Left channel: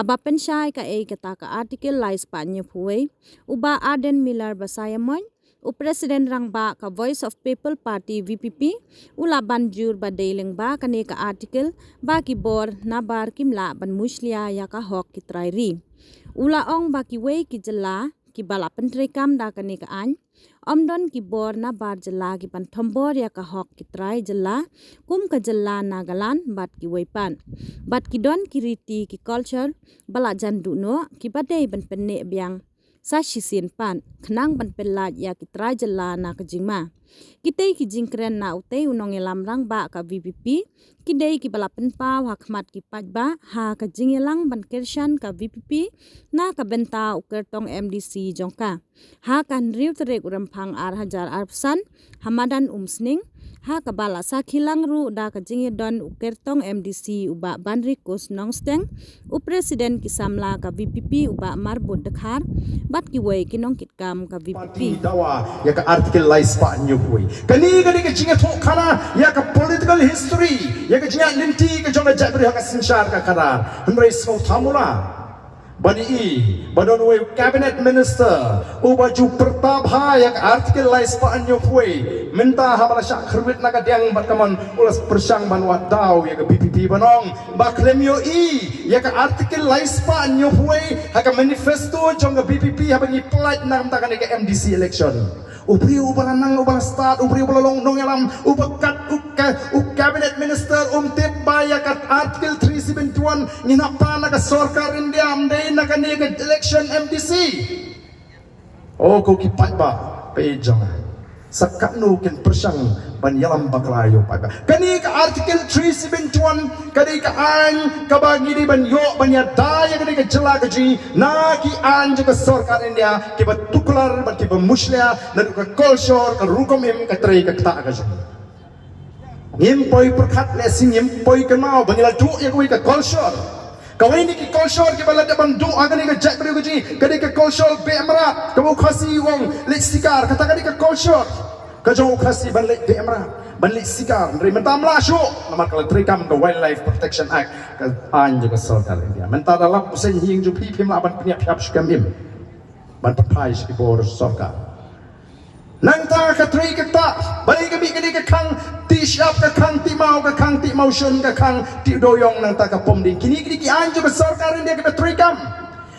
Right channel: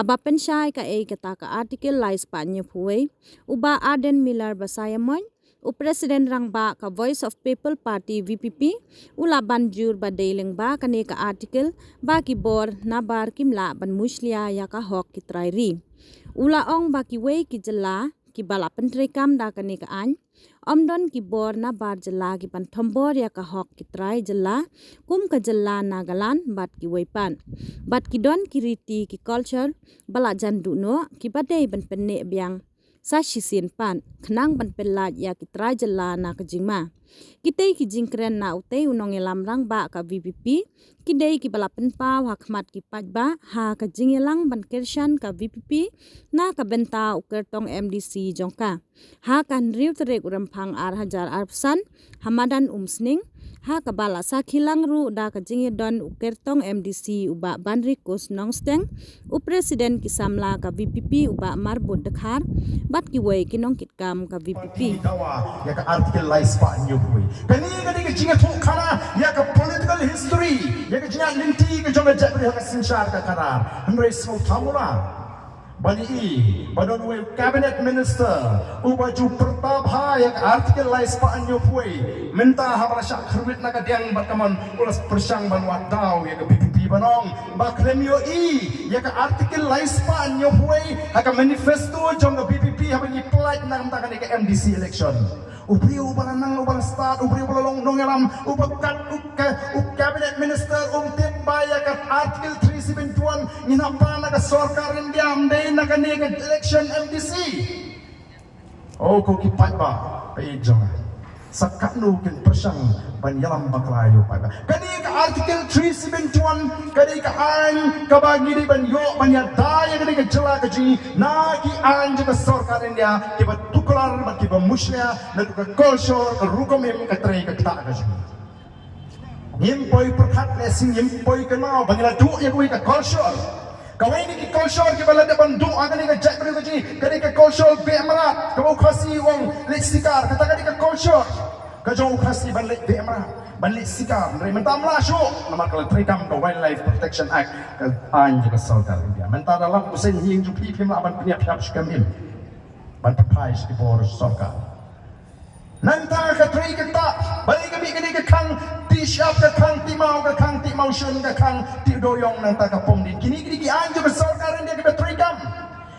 haba pensyai ka kata ka artikel lais pa nyo puwe, uba Arden Miller basayamoy, u Presiden rang ba ka Voice of People Party VPP, ula banjur ba dailing ba kane ka artikel ba kibor na bar kimla ban muslia ya ka hok kitrairi. Ula ong ba kiwe ki jela ki bala pentri kam da kane ka an, omdon ki bor na bar jela ki pan thombor ya ka hok kitrai jela, kum ka jela nagalan bat ki wepan. Bat ki don ki riti ki culture bala jandu no ki badai ban penne biang sa shisin pan kenang ban pelat ya kitrai jela na kejingma. Kitei ki jingkren na utei unong elam rang ba ka VPP, kidei ki bala penpa hakmat ki pajba ha ka jingelang ban kershan ka VPP na ka benta ukertong MDC jongka. Ha kan riu terek urampang ar hajar arpsan hamadan umsning ha ka bala sa khilang ru da ka jinge don ukertong MDC uba banri kos nongsteng u Presiden ki samla ka VPP uba marbut dekhar bat ki wei kinong kitkam ka VPP. Ya ka artikel lais pa nyo hui. Kani ka jinga thok khana ya ka political history ya ka jinga linti ka jonga jabri ha ka sinshar ka khana. Hamre so thamula. Bani badon we cabinet minister ubaju Pratap ha yak artikel lais pa anyo pui minta hamala syak khruit na ka diang barkaman ulas persang banwa daw yak BPP banong baklemyo yak artikel lais pa anyo pui ha ka manifesto jong BPP ha bani plat nam ta ka MDC election ubri ubala nang ubala start ubri ubala long nongelam ubakat cabinet minister tip ba yak artikel 371 nginapa na ka sarkar India amdai na kaniga election MDC. Oh, ko kipat ba pejong. Sakano kin persang banyalam baklayo pa. Kaniga article 371 kaniga an kabagi di banyo banyadaya kaniga jela kaji na ki an juga sarkar India ki batuklar ba ki muslia na ka kolshor ka rukom him ka tray ka ta kaji. Ngimpoi perkat lesing ngimpoi kenal banyala du ya ko ka kolshor. Kawai ni ki kolshor ki balad ban doa kani ka jak beri uji kani ka kolshor be amra kamu khasi wong lek sikar kata kani ka kolshor ka jo khasi ban lek be amra ban lek sikar nri menta amra sho nomor kal trikam ka Wildlife Protection Act ka an juga sarkar India menta dalam usen hing ju pim la ban pnya phap shkam im ban pai ki bor sarkar nang ta ka tri ka ta bali ka bi kani ka khang ti shap ka khang ti mau shun ka khang ti doyong nang ta ka pom din kini ki anjo ka sarkar India ka trikam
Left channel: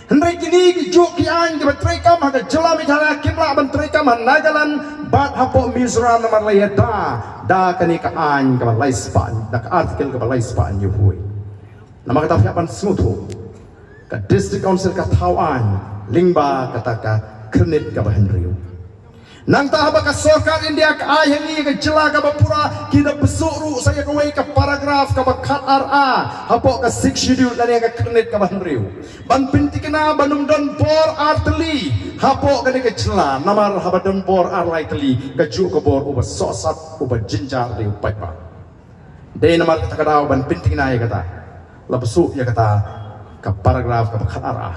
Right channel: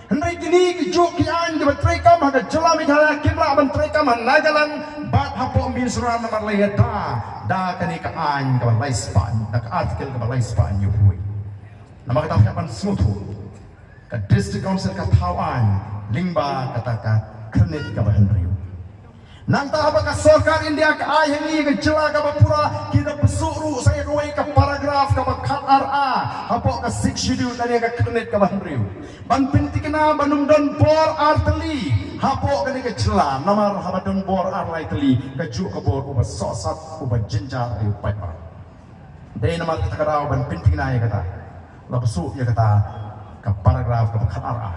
hendrai kini ki ju ki anjo ka trikam ha ka jela mi dhala kimla ban trikam nagalan bat hapo Mizoram na malaya da kani ka an ka balai span da ka artikel ka balai span yu hui nama ka tafiapan smutu ka district council ka Tawan lingba kata ka kernit ka bahenriu nang tahaba ka sarkar India ka ayangi ka jela ka bapura kita besuru saya kawai ka paragraf ka bakat RA hapo ka 6 schedule dari ka kernit ka bahenriu ban pintikina banum don bor arteli hapo ka ka jela namar habadon bor arlai teli ka ju ka bor uba sosat uba jinjar di upaipa dei namar kata ka ban pintikina ya kata labesu ya kata ka paragraf ka bakat RA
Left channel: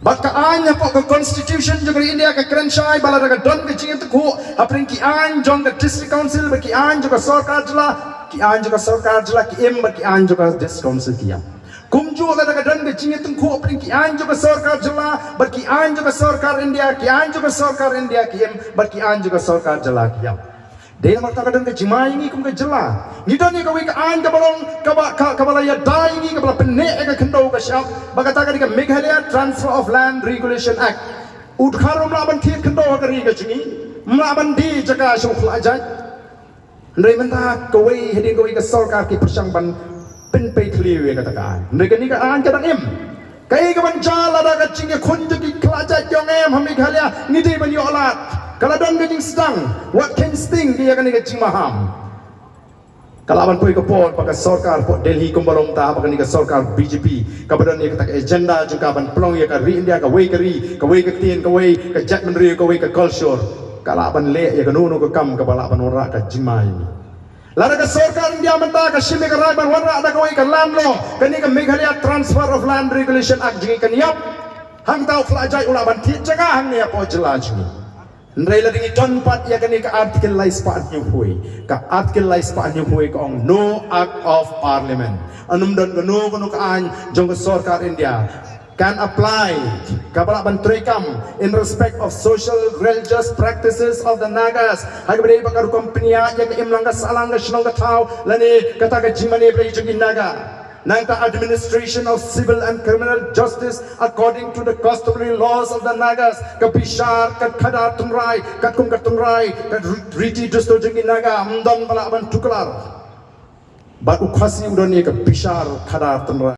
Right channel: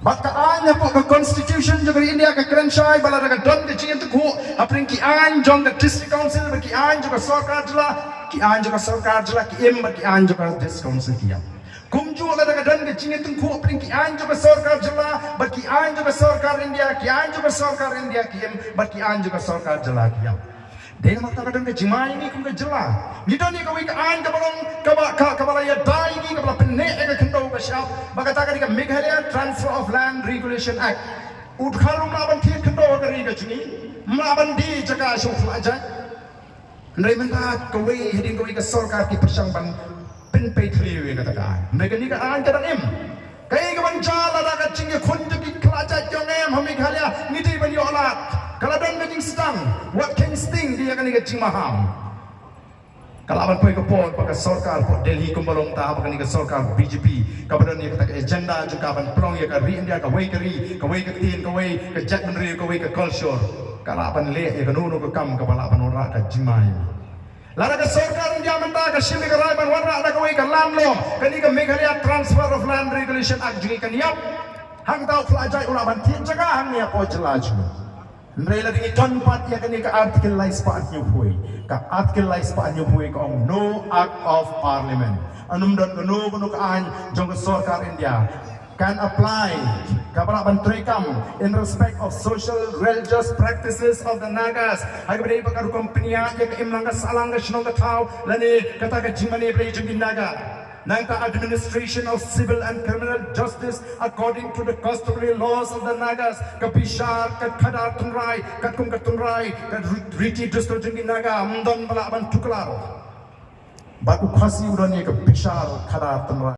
Baka anya po ka constitution juga India ka krenshai bala daga don ka jinga tuku apring ki an jong ka district council ba ki an juga sarkar jela ki an juga sarkar jela ki em ba ki an juga district council ki ya kumju la daga don ka jinga tuku apring ki an juga sarkar jela ba ki an juga sarkar India ki an juga sarkar India ki em ba ki an juga sarkar jela ki ya dei nama ta kadang ka jimai ni kum ka jela ni don ni ka wi ka an ka balong ka bala ya dai ni ka bala penne ka khando ka shap baka ta ka Meghalaya Transfer of Land Regulation Act udkharom la ban thip khando ka ri ka chingi ma ban di jaka shuk ajai nei menta ka wi hedin ka wi ka sarkar ki persang ban pen pe thli we ka ta ka nei ka ni ka an ka dang em kai ka ban jala da ka chingi khun ki klaja jong em ha Meghalaya ni dei ban yo ala kalau don getting stung, what can sting dia akan get maham. Kalau awan pui kepot pakai sarkar pot Delhi kumbalong ta pakai sarkar BJP. Kabadan dia kata agenda juga awan pelong ya ka ri India ka wei ka tin ka wei ka jet menteri ka wei ka culture. Kalau awan le ya ka nunu ka kam ka bala awan ora ka jimai. Lada ka sarkar India menta ka shime ka raban ora ada ka wei ka lamlo kani ka Meghalaya Transfer of Land Regulation Act jingi ka niap. Hang tau kelajai ula ban ti jaga hang ni apa jelaj ni. Nrai la dingi ton pat ya kani ka artikel lais pa anyu hui. Ka artikel lais pa anyu hui ka ong no act of parliament. Anum don ka no ka an jong ka sarkar India can apply kapala bantrekam in respect of social religious practices of the Nagas. Hagbere bakar kompanya ya ka imlanga salanga shnonga tau lani kata ka jimani bre jing Naga. Nangta administration of civil and criminal justice according to the customary laws of the Nagas. Kapishar, kat khadar tunrai, kat kum kat tunrai, kat riti justo jing Naga. Mdon bala ban tuklar. Ba ukhasi udani kapishar khadar tunrai.